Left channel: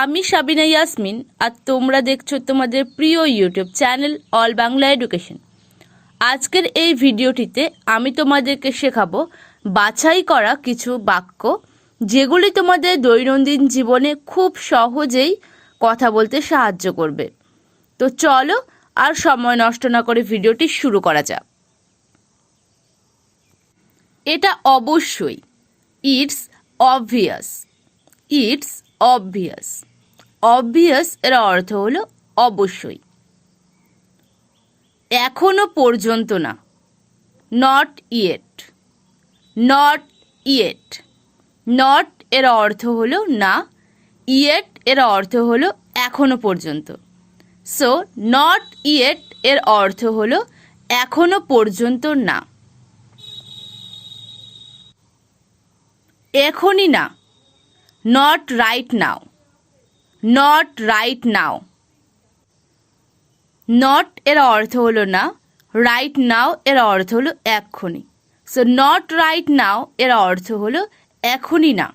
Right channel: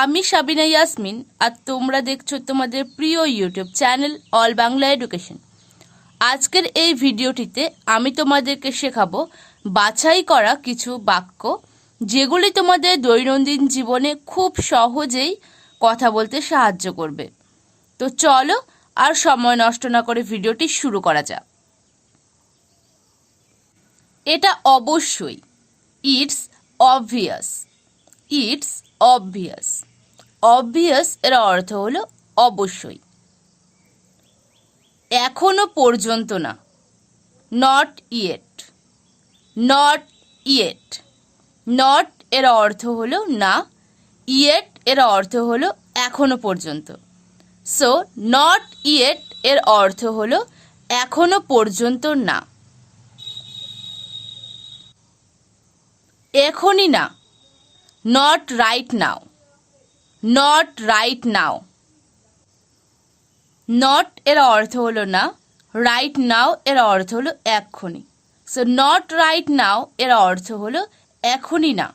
আমি সাবিনা ইয়াসমিন আর তোমরা দেখছো তোমাদের প্রিয় YouTube channel all Bangla education. আজকের এই ভিডিওটিতে আমি তোমাদেরকে শেখাবো বাছাই করা কিছু বাক্য, যেগুলি তোমাদের দৈনন্দিন জীবনে খুব সহজেই কথা বলতে সাহায্য করবে। তো চলো আর সময় নষ্ট না করে ভিডিওটি শুরু করা যাক। এটা অবশ্যই, it's obvious. It's obvious. Obvious এর অর্থ হলো অবশ্যই। এখনো পর্যন্ত না, not yet. Not yet. Not এর অর্থ হলো না, ইয়েট এর অর্থ হলো এখনো পর্যন্ত। সো নট ইয়েট এর অর্থ হলো এখনো পর্যন্ত না। এখনই না, not right now. Not right now. Not এর অর্থ হলো না, রাইট নাও এর অর্থ হলো এক্ষুনি। সো নট রাইট নাও এর অর্থ হলো এখনই না।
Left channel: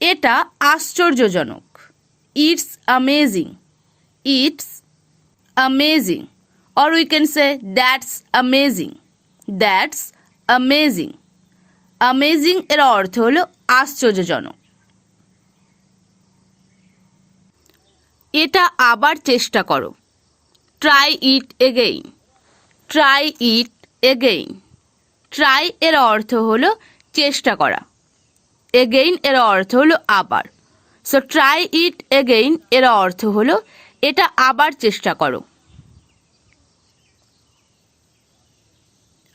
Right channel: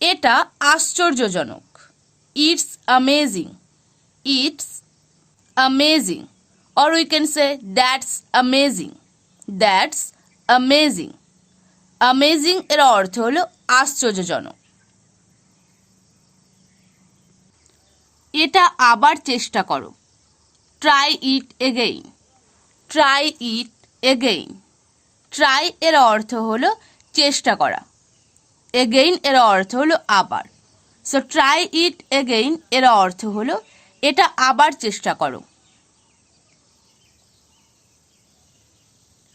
এটা আশ্চর্যজনক। It's amazing. It's amazing. Or we can say that's amazing. That's amazing. Amazing এর অর্থ হলো আশ্চর্যজনক। এটা আবার চেষ্টা করো। Try it again. Try it again. Try এর অর্থ হলো চেষ্টা করা। এগেইন এর অর্থ হলো আবার। সো ট্রাই ইট এগেইন এর অর্থ হলো এটা আবার চেষ্টা করো।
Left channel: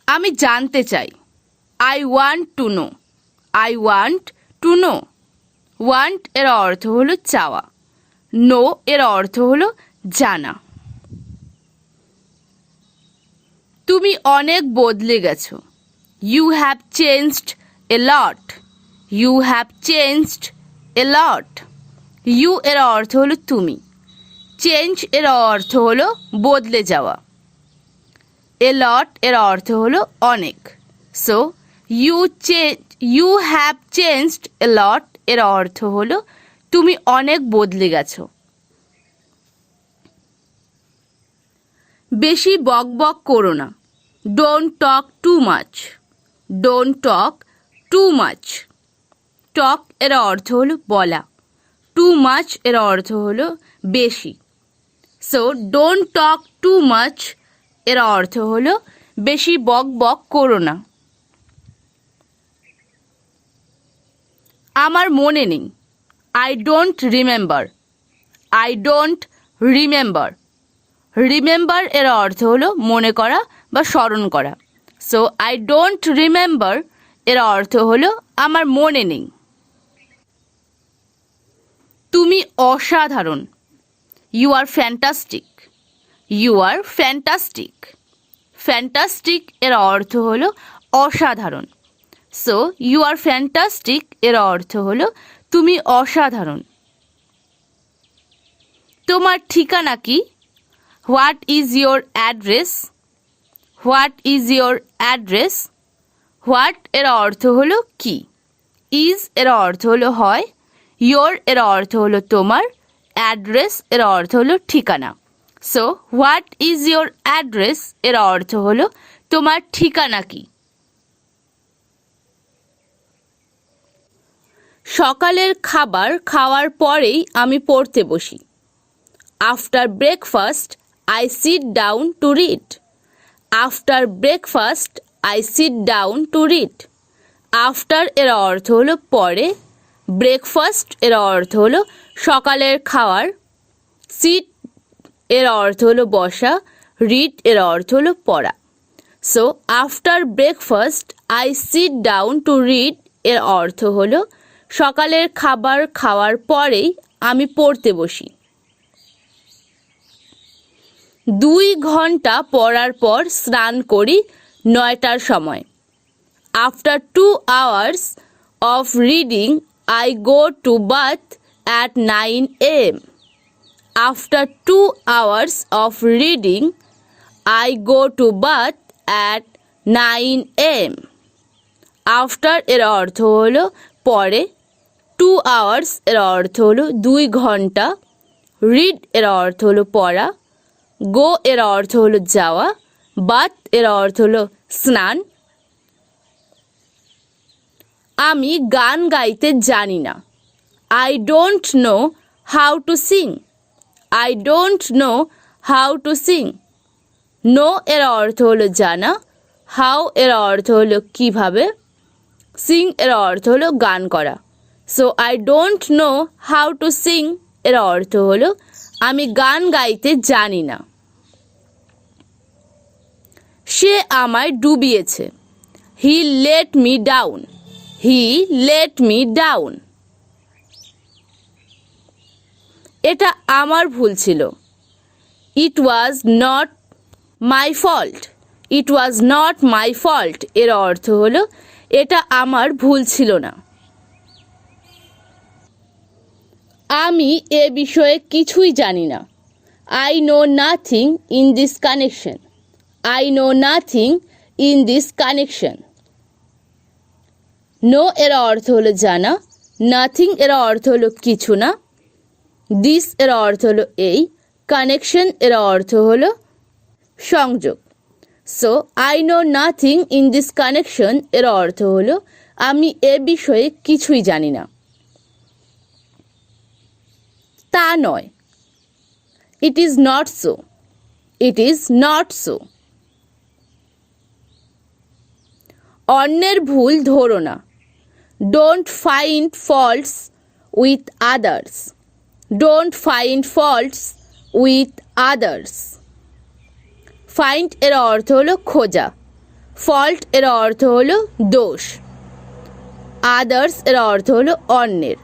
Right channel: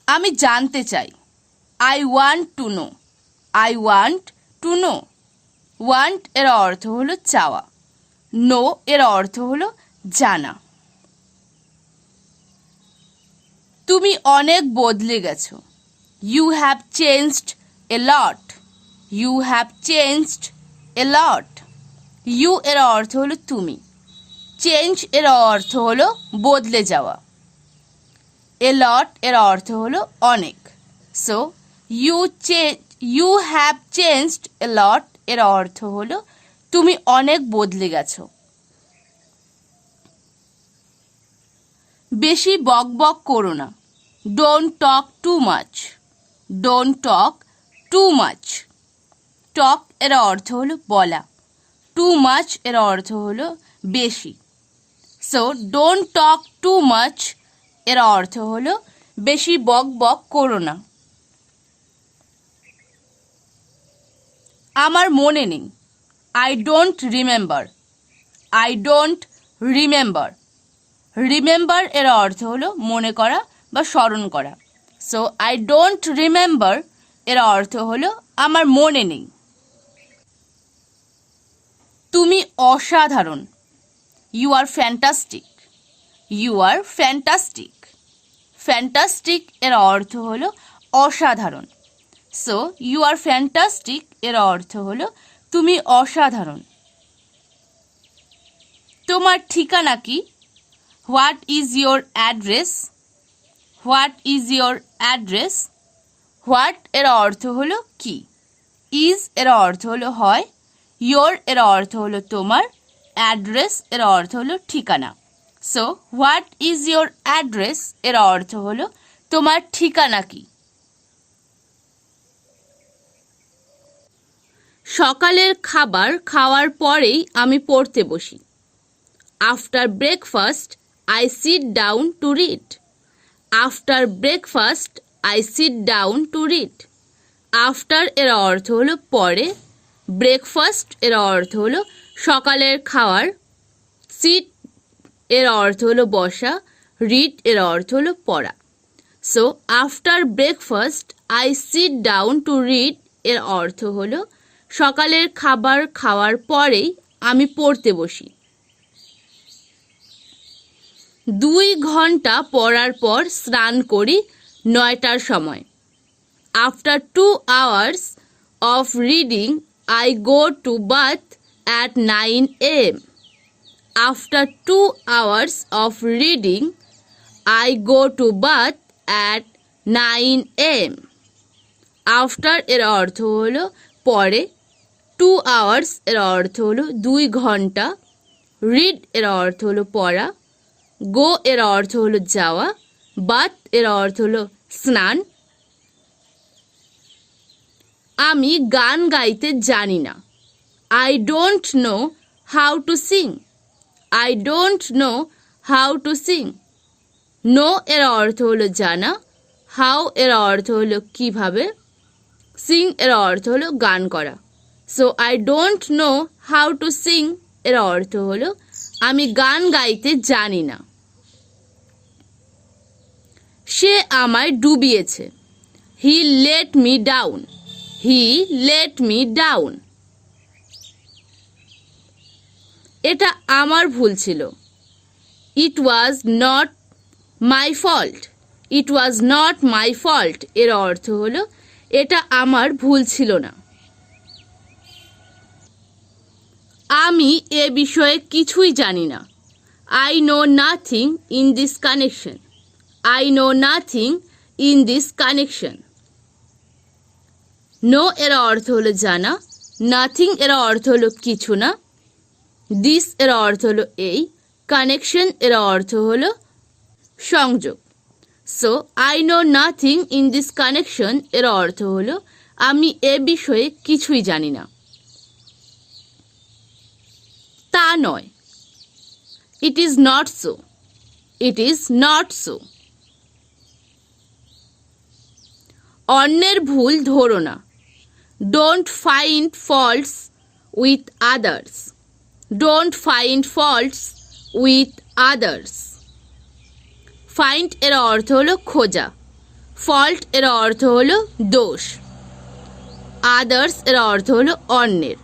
আমি জানতে চাই। I want to know. I want to know. Want এর অর্থ হলো চাওয়া। নো এর অর্থ হলো জানা। তুমি অনেক বদলে গেছো। You have changed a lot. You have changed a lot. You এর অর্থ হলো তুমি। চেঞ্জ এর অর্থ হলো বদলে যাওয়া। এ লট এর অর্থ হলো অনেক। So you have changed a লট এর অর্থ হলো তুমি অনেক বদলে গেছো। বেশি বক বক করো না। Don't talk too much. Don't talk too much. Talk এর অর্থ হলো বলা। টু মাচ এর অর্থ হলো বেশি। So don't talk too much এর অর্থ হলো বেশি বক বক করো না। আমার মনে নেই। I don't remember. I don't remember. Remember এর অর্থ হলো মনে করা বা স্মরণ করা। সো আই ডোন্ট রিমেম্বার এর অর্থ হলো আমার মনে নেই। তুমি অসাধারণ। You are fantastic. You are fantastic. Fantastic এর অর্থ হলো অসাধারণ। সো ইউ আর ফ্যান্টাস্টিক এর অর্থ হলো তুমি অসাধারণ। তোমার ঠিকানা কি? What is your address? What is your address? What এর অর্থ হলো কি। ইজ এর অর্থ হলো হয়। ইয়োর এর অর্থ হলো তোমার। অ্যাড্রেস এর অর্থ হলো ঠিকানা। So what is your address এর অর্থ হলো তোমার ঠিকানা কি। সকালের খাবার খাওয়ার পরেই আমি পড়তে বসি। After breakfast I sit down to read. After breakfast I sit down to read. After এর অর্থ হলো পরে। ব্রেকফাস্ট এর অর্থ হলো সকালের খাওয়ার। সিট এর অর্থ হলো বসা। রিড এর অর্থ হলো পড়া। So after breakfast I sit down to read এর অর্থ হলো সকালের খাবার খাওয়ার পরেই আমি পড়তে বসি। 2 ঘন্টা পড়ার পর স্নান করি 9টার সময়। After 2 hours of reading I go to bath at 9 AM. After 2 hours of reading, I go to bath at 9 AM. After এর অর্থ হলো পরে। 2 hours এর অর্থ হলো 2 ঘন্টা, read এর অর্থ হলো পড়া, go এর অর্থ হলো যাওয়া, bath এর অর্থ হলো স্নান। আমি গান গাইতে জানি না। I don't know how to sing. I don't know how to sing. know এর অর্থ হলো জানা, how এর অর্থ হলো কিভাবে, sing এর অর্থ হলো গান করা। So I don't know how to sing এর অর্থ হলো আমি গান গাইতে জানি না। সে আমায় ডুবিয়েছে। He let me down. He let me down. এটা আমার ভুল ছিল। It was not my fault. It was not my fault এর অর্থ হলো এটা আমার ভুল ছিল না। আমি এ বিষয়ে কিছুই জানি না। I know nothing in this connection. I know nothing in this connection. No এর অর্থ হলো জানা, nothing এর অর্থ হলো কিছু না, this এর অর্থ হলো এই, connection এর অর্থ হলো সংযোগ। So I know nothing in this connection এর অর্থ হলো আমি এ বিষয়ে কিছুই জানি না। তা নয়। It is not so. It is not so. অন্যের ভুল ধরো না। Don't find faults with others. Don't find faults with others. Find এর অর্থ হলো খোঁজা, fault এর অর্থ হলো দোষ, others এর অর্থ হলো অন্যের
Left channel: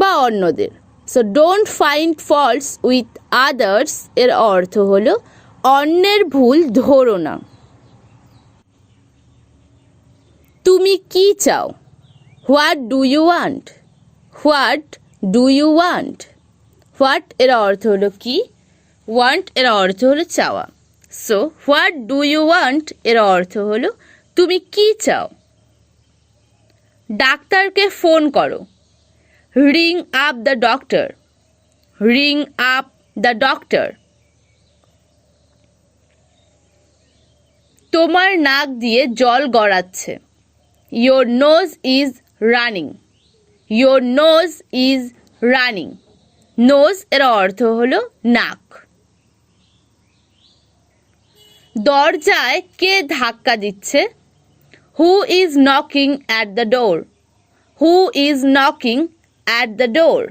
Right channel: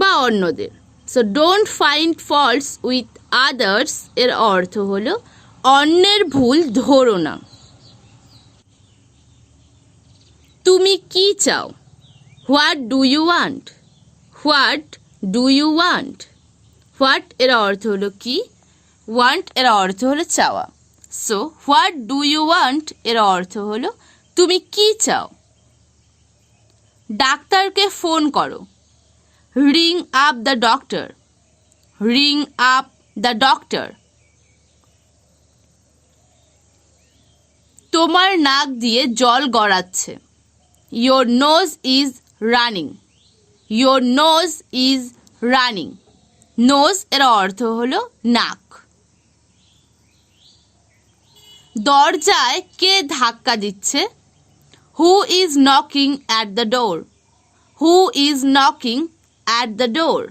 বা অন্যদের। So don't find faults with others এর অর্থ হলো অন্যের ভুল ধরো না। তুমি কি চাও? What do you want? What do you want? What এর অর্থ হলো কি, ওয়ান্ট এর অর্থ হলো চাওয়া। So what do you want এর অর্থ হলো তুমি কি চাও। ডাক্তারকে ফোন করো। Ring up the doctor. Ring up the doctor. তোমার নাক দিয়ে জল গড়াচ্ছে। Your nose is running. Your nose is running. Nose এর অর্থ হলো নাক। দরজায় কে ধাক্কা দিচ্ছে? Who is knocking at the door? Who is knocking at the door?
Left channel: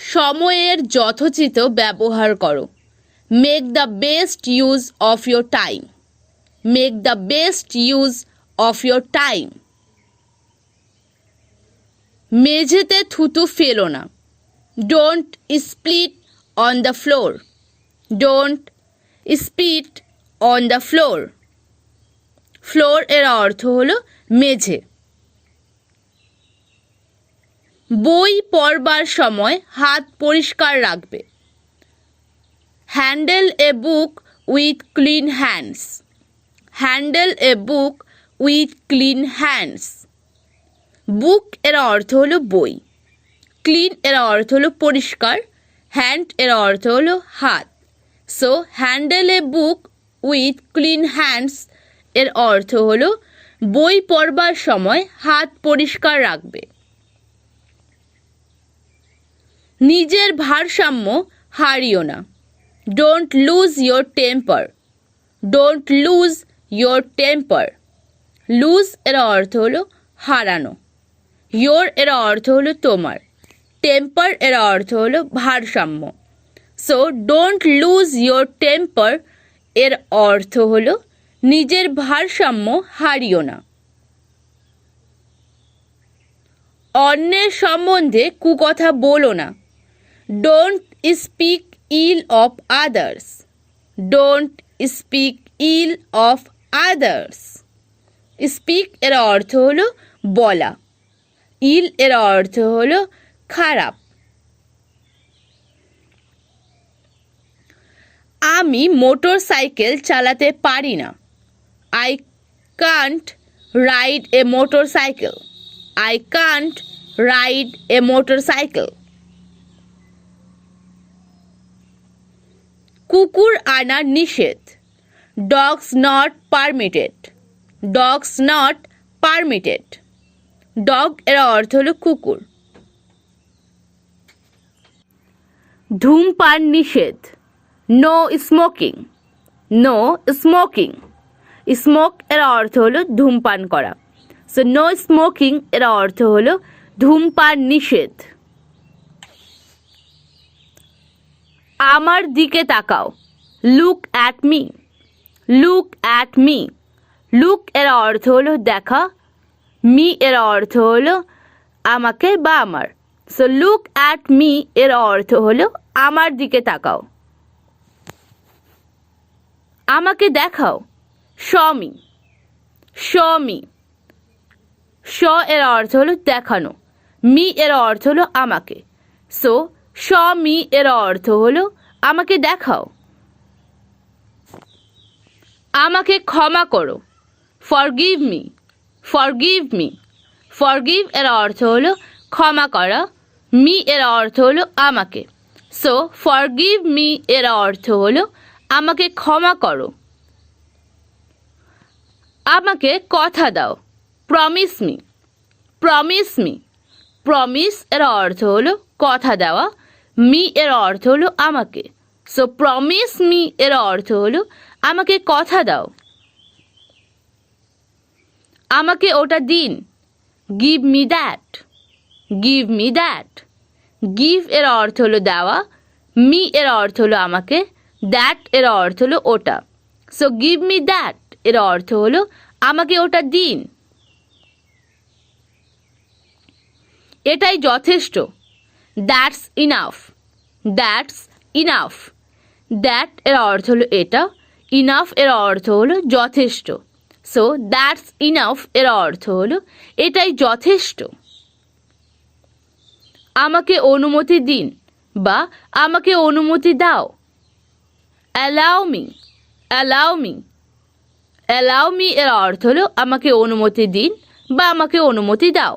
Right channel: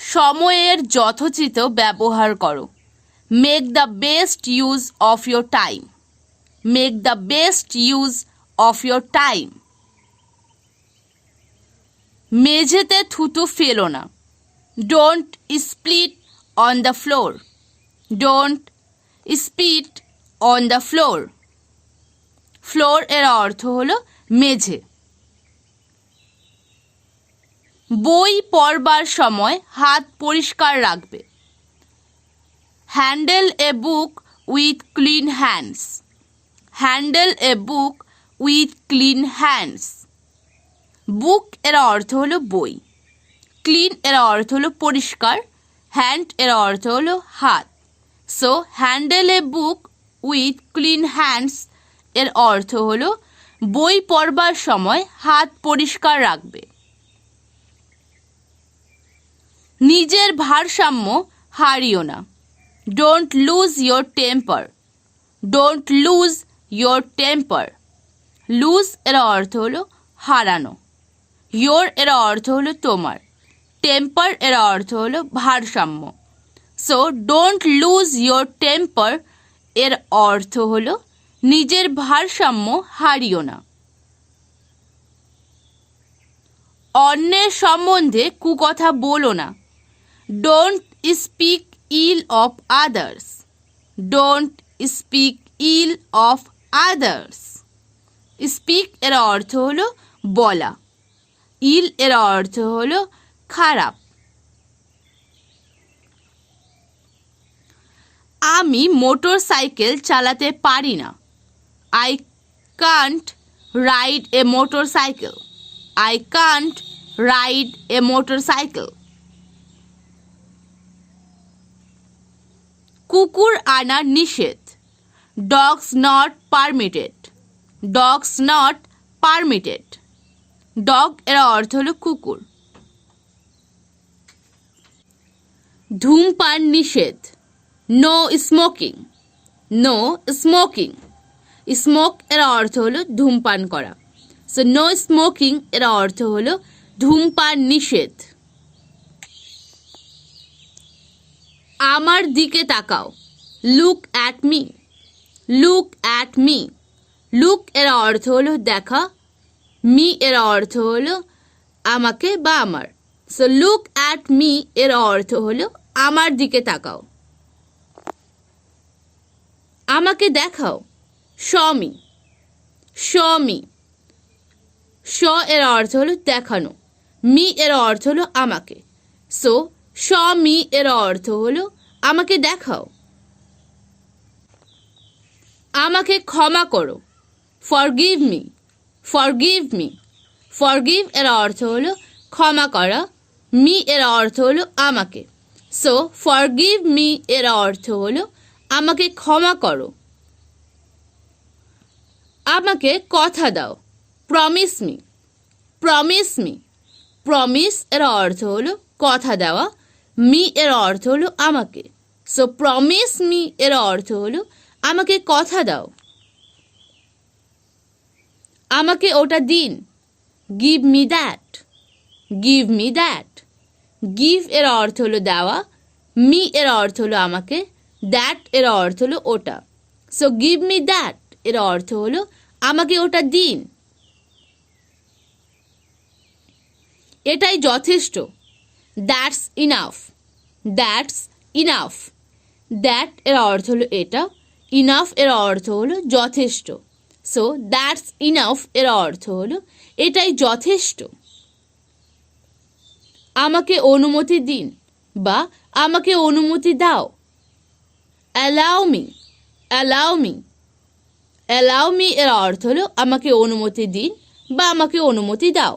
সময়ের যথোচিত ব্যবহার করো। Make the best use of your time. Make the best use of your time. মেঝেতে থুতু ফেলো না। Don't spit on the floor. Don't spit on the floor. Floor এর অর্থ হলো মেঝে। বই পড়বার সময় হাত পরিষ্কার রাখবে। Handle a book with clean hands. Handle a book with clean hands. বুক এর অর্থ হলো বই, ক্লিন এর অর্থ হলো পরিষ্কার, হ্যান্ড এর অর্থ হলো হাত। So handle A book with clean hands এর অর্থ হলো বই পড়বার সময় হাত পরিষ্কার রাখবে। নিজের ভারসাম্য হারিও না। Don't lose your temper. Don't lose your temper. Lose এর অর্থ হলো হারানো, your এর অর্থ হলো তোমার, temper এর অর্থ হলো ভারসাম্য। So don't lose your temper এর অর্থ হলো নিজের ভারসাম্য হারিও না। অন্যের সম্বন্ধে কুকথা বলো না। Don't speak ill of others. Don't speak ill of others. Speak এর অর্থ হলো বলা, ill এর অর্থ হলো খারাপ। আমি মোটর সাইকেল চালাতে পারি না। I can't ride a motorcycle. I can't ride a motorcycle. কুকুর আনা নিষেধ. Dogs not permitted. Dogs not permitted. Dog এর অর্থ হলো কুকুর. ধূমপান নিষেধ. No smoking. No smoking. Smoke এর অর্থ হলো ধূমপান করা. So no smoking এর অর্থ হলো ধূমপান নিষেধ. আমার দিকে তাকাও. Look at me. Look at me. Look এর অর্থ হলো দেখা. Me এর অর্থ হলো আমাকে বা আমার. So look at me এর অর্থ হলো আমার দিকে তাকাও. আমাকে দেখাও. Show me. Show me. Show এর অর্থ হলো দেখানো. Me এর অর্থ হলো আমাকে. So show me এর অর্থ হলো আমাকে দেখাও. আমাকে ক্ষমা করো. Forgive me. Forgive me. Forgive এর অর্থ হলো ক্ষমা করা. Me এর অর্থ হলো আমাকে. So forgive me এর অর্থ হলো আমাকে ক্ষমা করো. আমাকে কথা দাও. Promise me. Promise me. Promise এর অর্থ হলো কথা দেওয়া. Me এর অর্থ হলো আমাকে. So promise me এর অর্থ হলো আমাকে কথা দাও. আমাকে ওটা দিন. Give me that. Give me that. Give এর অর্থ হলো দেওয়া. Me এর অর্থ হলো আমাকে. That এর অর্থ হলো ওটা. So give me that এর অর্থ হলো আমাকে ওটা দিন. এটাই যথেষ্ট. That's enough. That's enough. That এর অর্থ হলো এটা. Enough এর অর্থ হলো যথেষ্ট. So that's enough এর অর্থ হলো এটাই যথেষ্ট. আমাকে অনুমতি দিন বা আমাকে অনুমতি দাও. Allow me. Allow me. Allow me এর অর্থ হলো আমাকে অনুমতি দিন বা আমাকে অনুমতি দাও.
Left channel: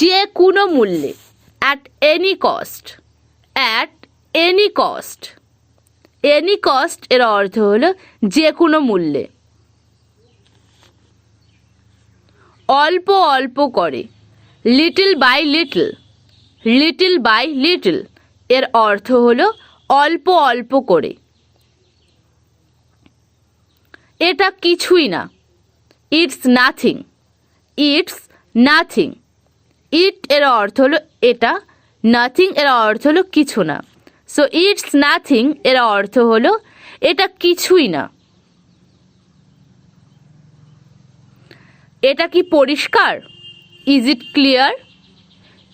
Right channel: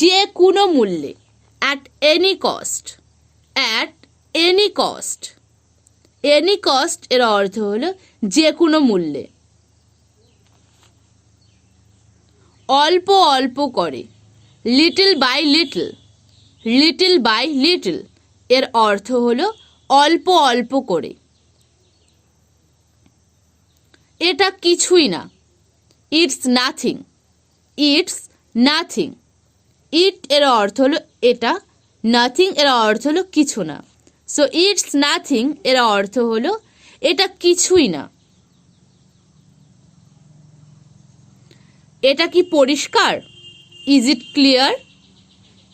যে কোনো মূল্যে. At any cost. At any cost. Any cost এর অর্থ হলো যে কোনো মূল্যে. অল্প অল্প করে. Little by little. Little by little এর অর্থ হলো অল্প অল্প করে. এটা কিছুই না. It's nothing. It's nothing. It এর অর্থ হলো এটা. Nothing এর অর্থ হলো কিছু না. So it's nothing এর অর্থ হলো এটা কিছুই না. এটা কি পরিষ্কার? Is it clear?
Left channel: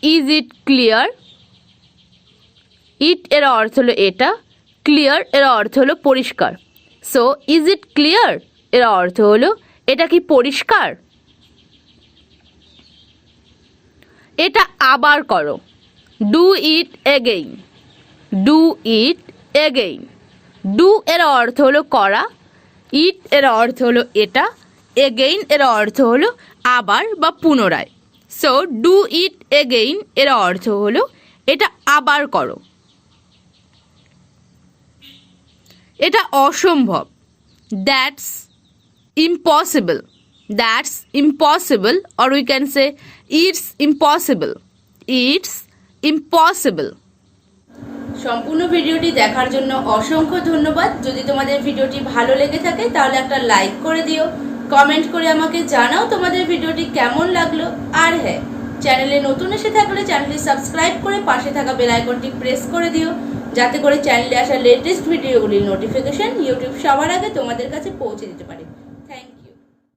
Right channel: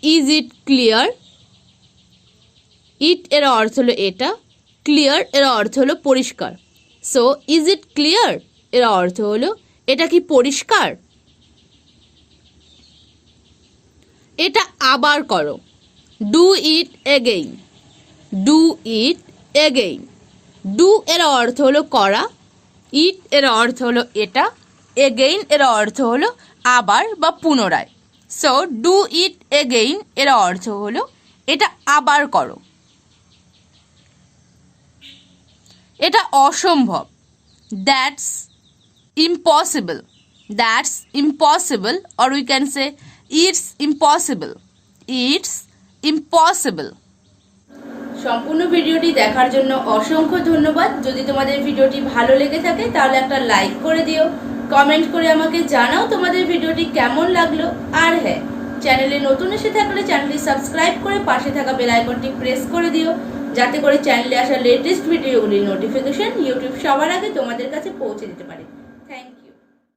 Is it clear? It এর অর্থ হলো এটা. Clear এর অর্থ হলো পরিষ্কার. So is it clear এর অর্থ হলো এটা কি পরিষ্কার? এটা আবার করো. Do it again. Do it again. Do এর অর্থ হলো করা. It এর অর্থ হলো এটা. Again এর অর্থ হলো আবার বা পুনরায়. So do it again এর অর্থ হলো এটা আবার করো. এটা অসম্ভব. That's impossible. That's impossible or we can say it's impossible. It's impossible. সম্পূর্ণ ভিডিওটি দেখার জন্য অসংখ্য ধন্যবাদ. যদি তোমাদের ভিডিওটি ভালো লেগে থাকে তাহলে একটা লাইক করে দিও. কমেন্ট করে আমাকে জানাও তোমাদের ভিডিওটি কেমন লাগলো. আর হ্যাঁ, চ্যানেলে নতুন এসে থাকলে চ্যানেলটি সাবস্ক্রাইব করে পাশে থাকা বেল আইকনটি প্রেস করে দিও, যাতে করে চ্যানেলে আসা লেটেস্ট ভিডিওগুলির নোটিফিকেশন ইউটিউব সবার আগে তোমাদের কাছে পৌঁছে দিতে পারে. Thank you.